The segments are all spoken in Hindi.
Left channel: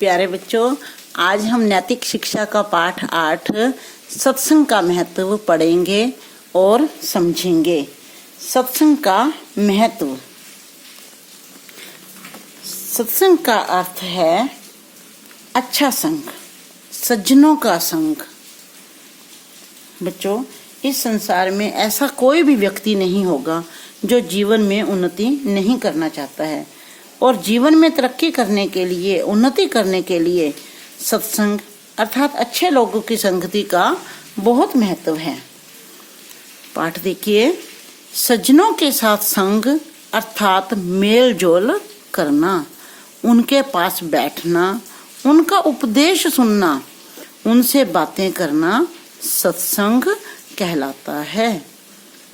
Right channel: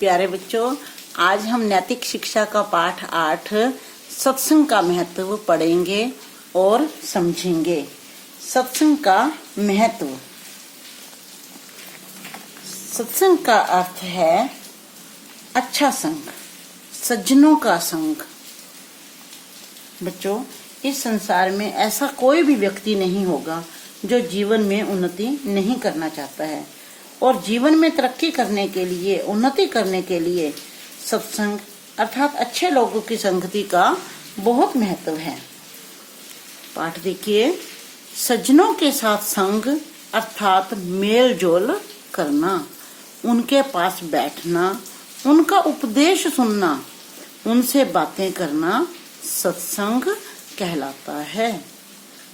प्यारे बच्चों, आज हम नैतिक शिक्षा का पाठ 8 सत्संग का महत्व पढ़ेंगे और समझेंगे। सत्संग का महत्व। सत्संग का अर्थ है अच्छा संग, सज्जनों का संग। बच्चों, इस संसार में ऐसा कोई भी व्यक्ति नहीं होगा जो जीवन में उन्नति नहीं करना चाहता है, और जीवन में तरक्की करने के लिए, उन्नति करने के लिए सत्संग अर्थात अच्छे लोगों की संगति का बहुत महत्व है। पाठ देखिए। सज्जनों के साथ संग अर्थात मेल जोल करना, उनके पास बैठना, उनका उपदेश सुनना, उनसे बातें करना सत्संग कहलाता है।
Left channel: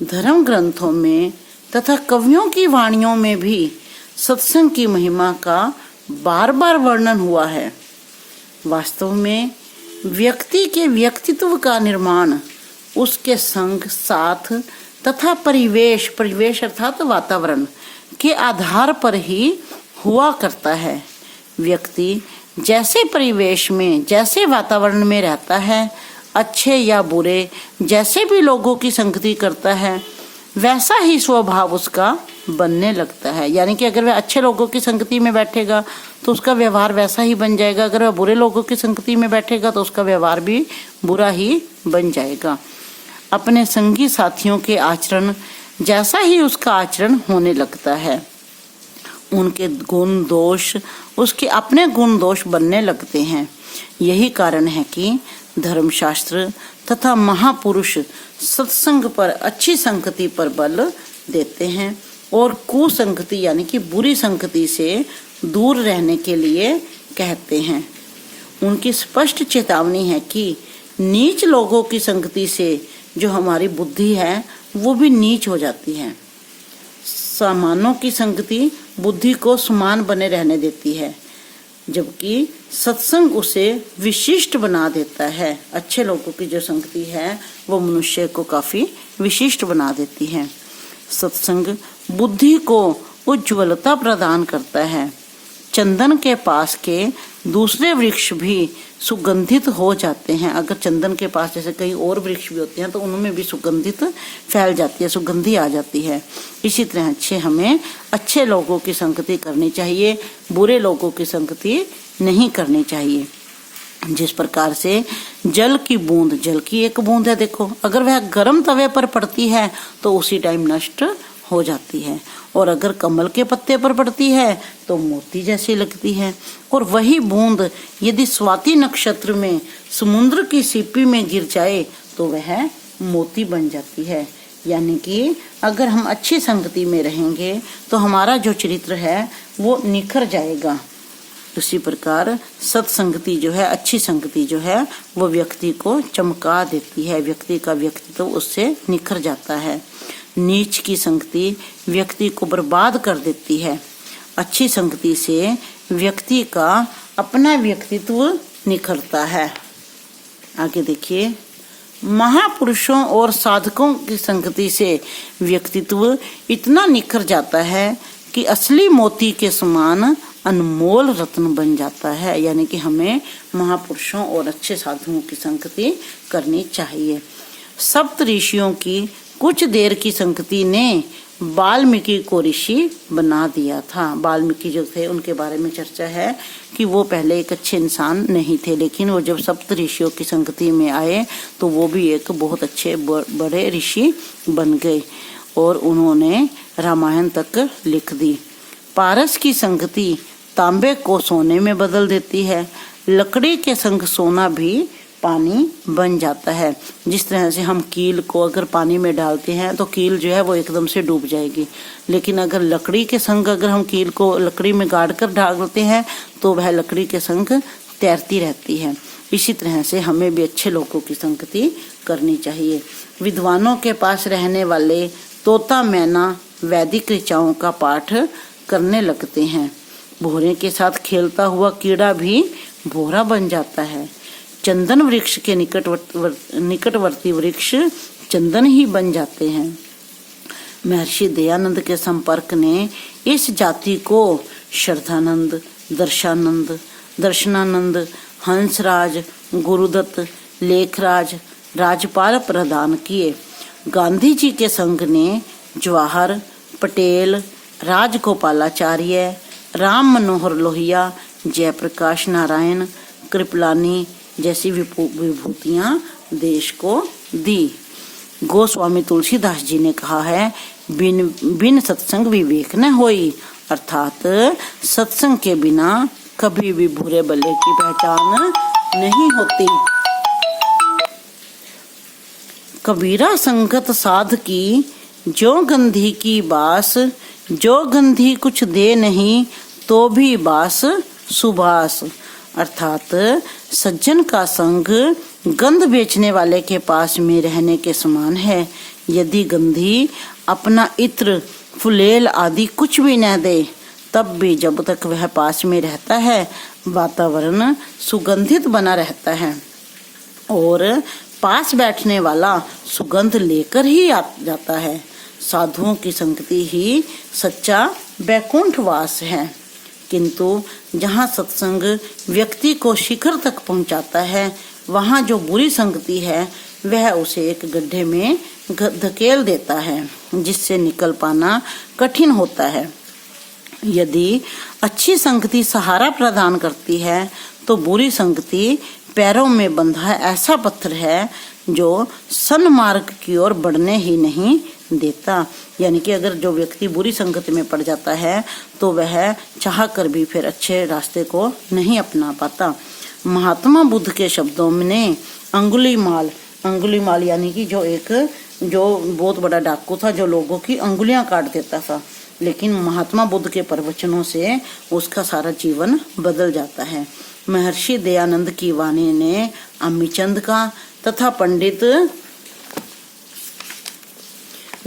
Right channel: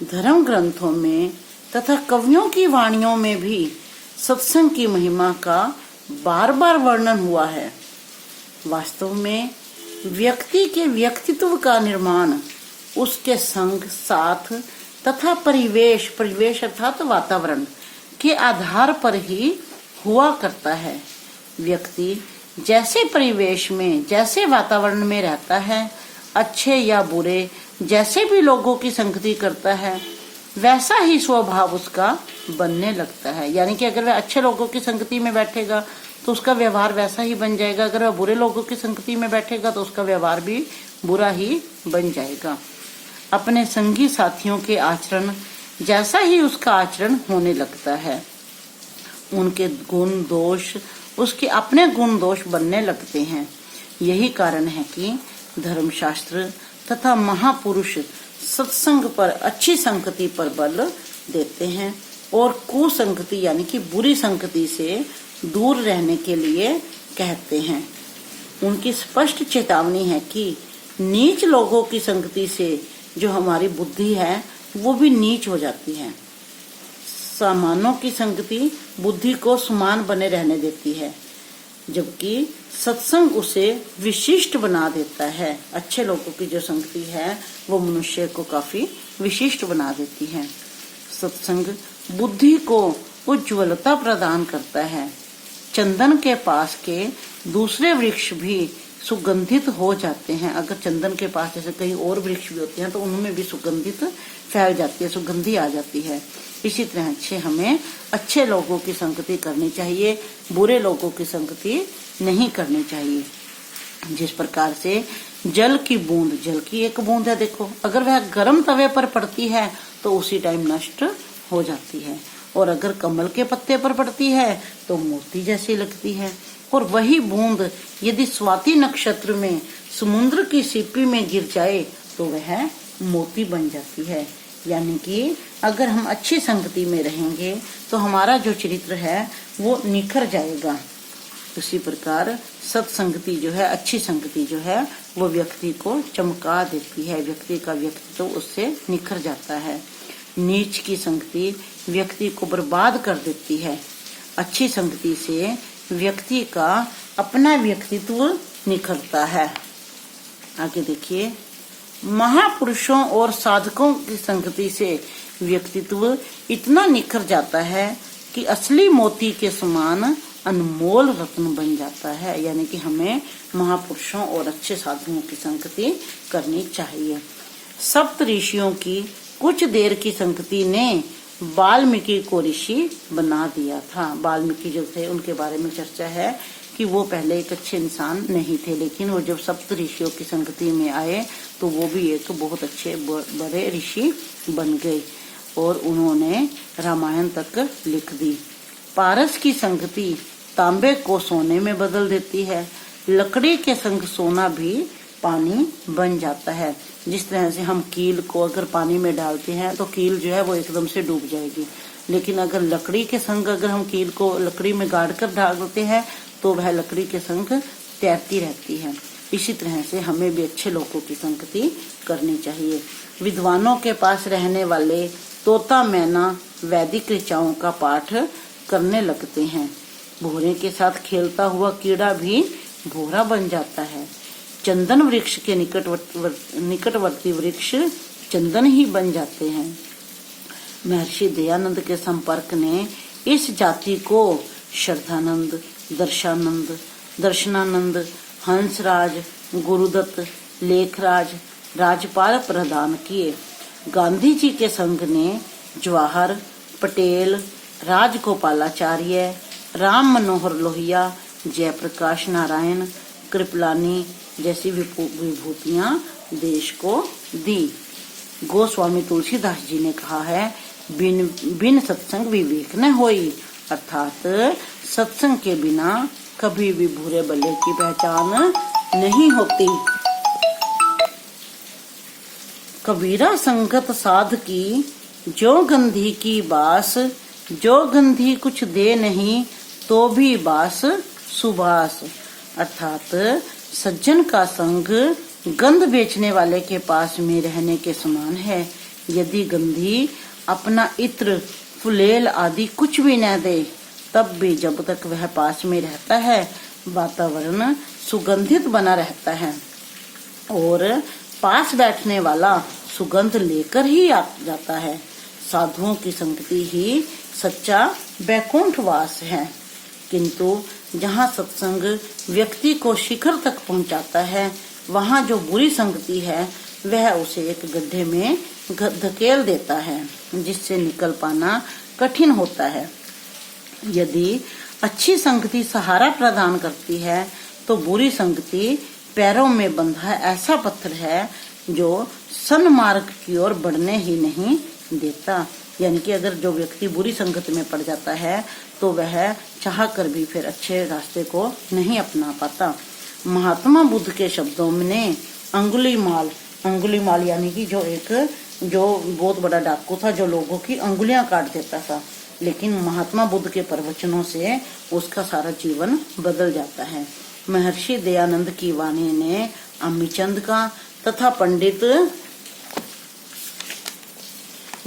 धर्म ग्रंथों में तथा कवियों की वाणियों में भी सत्संग की महिमा का बार बार वर्णन हुआ है। वास्तव में व्यक्ति के व्यक्तित्व का निर्माण उसके संग, साथ तथा परिवेश अर्थात वातावरण के आधार पर ही हुआ करता है। व्यक्ति जैसे परिवेश में, जैसे वातावरण में रहता है, अच्छे या बुरे, जैसे भी लोगों की संगति करता है, वैसा ही स्वभाव उसका बनने लगता है। यानी कि अगर वह अच्छे लोगों की संगति में बैठेगा तो उसका व्यवहार वैसा ही बन जाएगा। अगर वह बुरे लोगों की संगति में बैठेगा तो उसका व्यवहार भी बुरा ही बन जाएगा। अपने संगी साथियों के आचरण जैसा ही उसका आचरण होने लगता है। उनके गुण दोष उसके अपने गुण दोष बनने लगते हैं। यही कारण है कि धर्मशास्त्र तथा महापुरुष सत्संग पर, अच्छी संगति पर बल देते हैं और कुसंगति यानी कि बुरी संगति से दूर रहने के लिए कहते हैं। उनकी स्पष्ट चेतावनी है कि नीच लोगों की संगति से जो हमारी बुद्धि है वो भी नीच हो जाती है। सामानों की संगति बुद्धि को समान बने रहने देती है, जबकि सत्संग उसे विशिष्ट बना देता है। अच्छे लोगों की जो संगति है वो मनुष्य को काफी विशिष्ट बना देती है। सत्संग बुद्धि को उज्ज्वलता प्रदान करता है। चंदन के पास के दूसरे वृक्ष भी सुगंधित हो जाते हैं। अगर चंदन के पास जैसे कई और वृक्ष भी होते हैं तो उनमें भी सुगंधित फैल जाती है, सुगंधी आ जाती है। इसी तरह हमें अच्छे लोगों की संगति करनी चाहिए, बुरे लोगों की संगति नहीं करनी चाहिए। जिस प्रकार से जल की बूंद, जल की एक बूंद है, देखो अगर वह गर्म तवे पर पड़ती है तो उसी टाइम नष्ट हो जाती है, और अगर कमल के पत्ते पर पड़ती है तो मोती जैसी लगती है। और वही बूंद यदि स्वाति नक्षत्र में समुद्र की सीपी में गिर जाए तो वह मोती बन जाती है। यानी कि अगर हम अच्छी संगति में रहेंगे तो हमारा जो चरित्र है वो निखर जाएगा। उसी प्रकार सत्संगति जो है, अच्छी संगति जो है वो व्यक्ति को चमका देती है, व्यक्ति का व्यक्तित्व उससे निखर जाता है। नीच की संगति व्यक्ति को बर्बाद कर देती है। अच्छी संगति से व्यक्ति का अपना व्यक्तित्व निखरता है। आगे देखिए। महापुरुषों और साधकों की संगति से व्यक्तित्व इतना निखर जाता है कि असली मोती के समान अनमोल रत्न बन जाता है। यानी कि हमें महापुरुषों और अच्छे साधुओं की संगति करनी चाहिए। सप्त ऋषियों की कुछ देर की संगति ने वाल्मीकि को ऋषि बना दिया था। वाल्मीकि जो थे उनके बारे में चर्चा है कि वो पहले एक अच्छे इंसान नहीं थे, लेकिन वो जब सप्त ऋषियों की संगति में आए तो वो भी एक बहुत अच्छे बड़े ऋषि बन गए और उन्होंने रामायण तक लिख दी। पारस की संगति तांबे को सोने में बदल देती है। लकड़ी के संग सोना भी पानी बन जाता है। जिस तरह से हम कील को अगर पानी में डालते हैं तो कील जो है वो एकदम से डूब जाएगी, लेकिन अगर लकड़ी के संग अगर हम कील को लकड़ी में गाड़ कर डालते हैं तो वह लकड़ी के संग तैरती रहती है। इसी तरह से हमें भी अच्छे लोगों की संगति करनी चाहिए। विद्वानों के पास रहने वाले तोता मैना वैदिक ऋचाओं का पाठ करने लगते हैं। भोरे के साथ खेलता हुआ कीड़ा भी भोरा बन जाता है। चंदन वृक्ष के निकटवर्ती वृक्ष चंदन ही बन जाते हैं। महर्षि दयानंद के संपर्क ने इस जाति को श्रद्धानंद, दर्शानंद, दर्शनानंद, हंसराज, गुरुदत्त, लेखराज, राजपाल प्रदान किए। गांधी जी के संघ ने जवाहर, पटेल, राजगोपालाचार्य, राम मनोहर लोहिया, जयप्रकाश नारायण, कृपलानी जैसी विभूतियां देश को दी। गोस्वामी तुलसीदास जी ने कहा है, बिन बिन सत्संग विवेक न होई, अर्थात सत्संग के बिना कभी भी बुरे भले की पहचान नहीं होती। कबीरा संगत साध की, जो गंधी की बास, जो गंधी कुछ दे नहीं, तो भी बास सुबास। अर्थात सज्जन का संग गंध बेचने वाले के पास में रहने के समान है। यदि गंधी अपना इत्र, फुलेल आदि कुछ भी न दे, तब भी जब तक वह पास में रहता है, वातावरण सुगंधित बना रहता है और पास बैठने वाला सुगंध लेकर ही आ जाता है। साधुओं की संगति ही सच्चा वैकुंठ वास है। किंतु जहाँ सत्संग व्यक्ति को शिखर तक पहुँचाता है, वहाँ जो बुरी संगति है वह उसे एक गड्ढे में धकेल देता है, जिससे निकल पाना कठिन होता है। यदि अच्छी संगति सहारा प्रदान करती है, तो बुरी संगति पैरों में बंधा ऐसा पत्थर है जो सन्मार्ग की ओर बढ़ने ही नहीं देता। यानी कि अगर जो व्यक्ति बुरी संगत में पड़ जाता है, तो वह चाह कर भी फिर अच्छे रास्ते को नहीं अपना पाता। महात्मा बुद्ध के शब्दों में अंगुलीमाल यानी कि जो बहुत बड़ा डाकू था, जो लोगों की अंगुलियां काट देता था, लेकिन महात्मा बुद्ध के प्रवचनों से उसका सारा जीवन बदल जाता है। महर्षि दयानंद की वाणी ने अम्मीचंद का तथा पंडित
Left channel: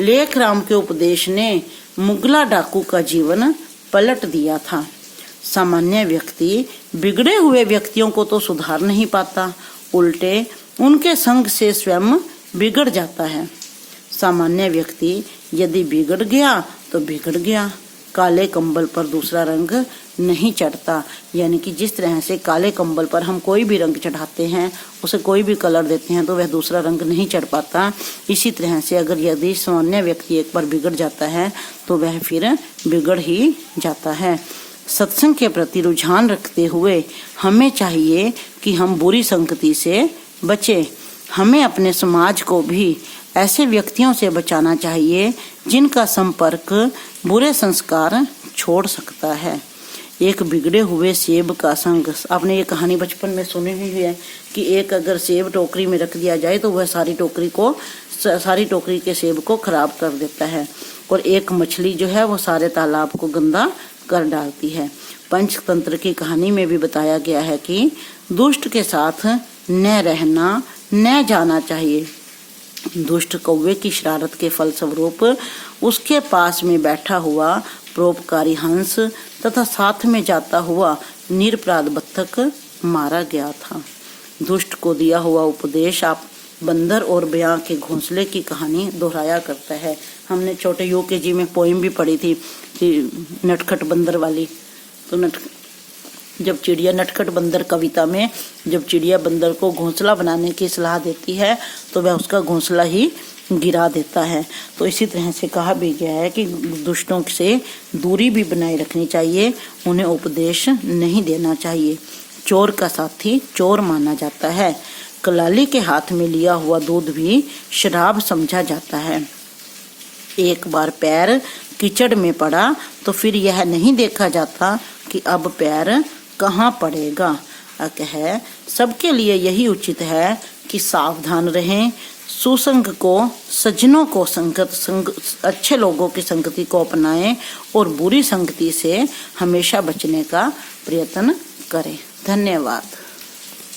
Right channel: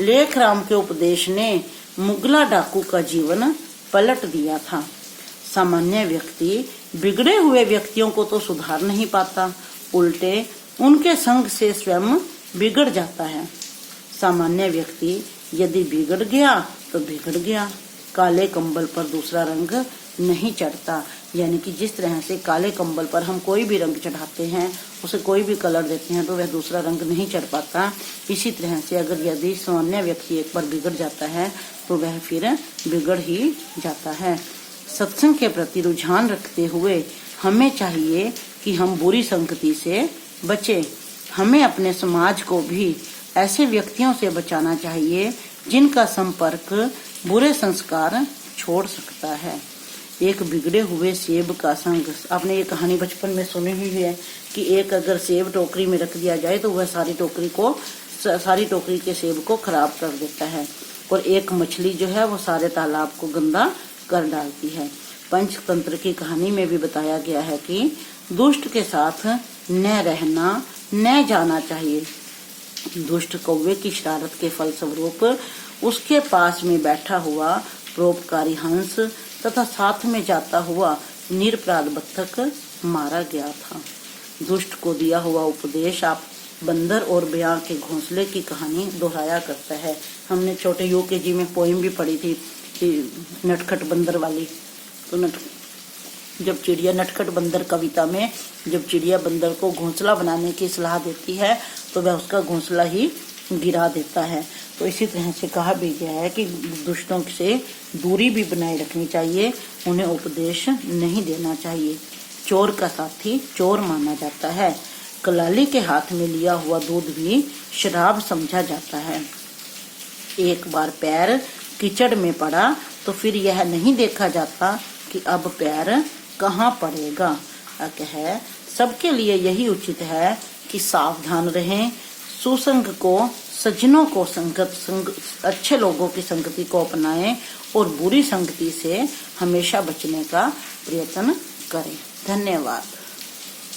लेखराम के उपदेश ने मुगला डाकू का जीवन पलट दिया था। सामान्य व्यक्ति बिगड़े हुए व्यक्तियों को तो सुधार नहीं पाता, उल्टे उनके संग से स्वयं बिगड़ जाता है। सामान्य व्यक्ति यदि बिगड़ गया तो बिगड़ गया। काले कंबल पर दूसरा रंग नहीं चढ़ता। यानी कि जिस तरह से काले कंबल पर हम कोई भी रंग चढ़ाते हैं, उसे कोई भी कलर देते हैं, तो वह दूसरा रंग नहीं चढ़ पाता। इसी तरह से अगर यदि सामान्य व्यक्ति एक बार बिगड़ जाता है, तो वह फिर बिगड़ ही जाता है। सत्संग के प्रति रुझान रखते हुए हमें चाहिए कि हम बुरी संगति से बचें। हमें अपने समाज को भी ऐसे व्यक्तियों से बचाना चाहिए जिनका संपर्क बुरे संस्कार छोड़ सकता है। एक बिगड़े हुए सेब का संग, आपने ये कहानी बचपन में सुनी हुई है कि एक अगर सेब टोकरी में रख दिया जाए तो वह सारी टोकरी के सेब को खराब कर देता है, और एक मछली जो है वो सारे तालाब को गंदा कर डालती है। पंचतंत्र की कहानी में भी बताया गया है कि दुष्ट के साथ न रहना, न जाना चाहिए। दुष्ट कौवे की शरारत के फलस्वरूप उसके पास में बैठा हुआ परोपकारी हंस तथा साथ में जाता हुआ निरपराध बत्तख मारा गया था। दुष्ट को दिया हुआ उपदेश आप बंदर और बयां के घोंसले की कहानी दोहराया करता है। हमने छोटे यूकेजी में पोएम भी पढ़ी थी नटखट बंदर वाली। तो जब चिड़िया नटखट बंदर कविता में जब चिड़िया बंदर को घोंसला बनाने की सलाह देती है, तो वह उसका घोंसला ही गिरा देता है। तो इसी तरह से कहा भी गया है कि दुष्टों से दूरी भी बनाए रखनी चाहिए, उन्हें उपदेश नहीं देना चाहिए। चोर का साथी चोर माना जाता है। कलाली के हाथ में लिया हुआ दूध भी शराब समझा जाता है। एक बार पैर कीचड़ में पड़ा तो फिर यह नहीं देखा जाता कि अब पैर कहाँ पड़ेगा। है सबके लिए यही उचित है कि सावधान रहें, सुसंग को, सज्जनों को अच्छे लोगों की संगति को अपनाएं और बुरी संगति से हमेशा बचने का प्रयत्न करें। धन्यवाद।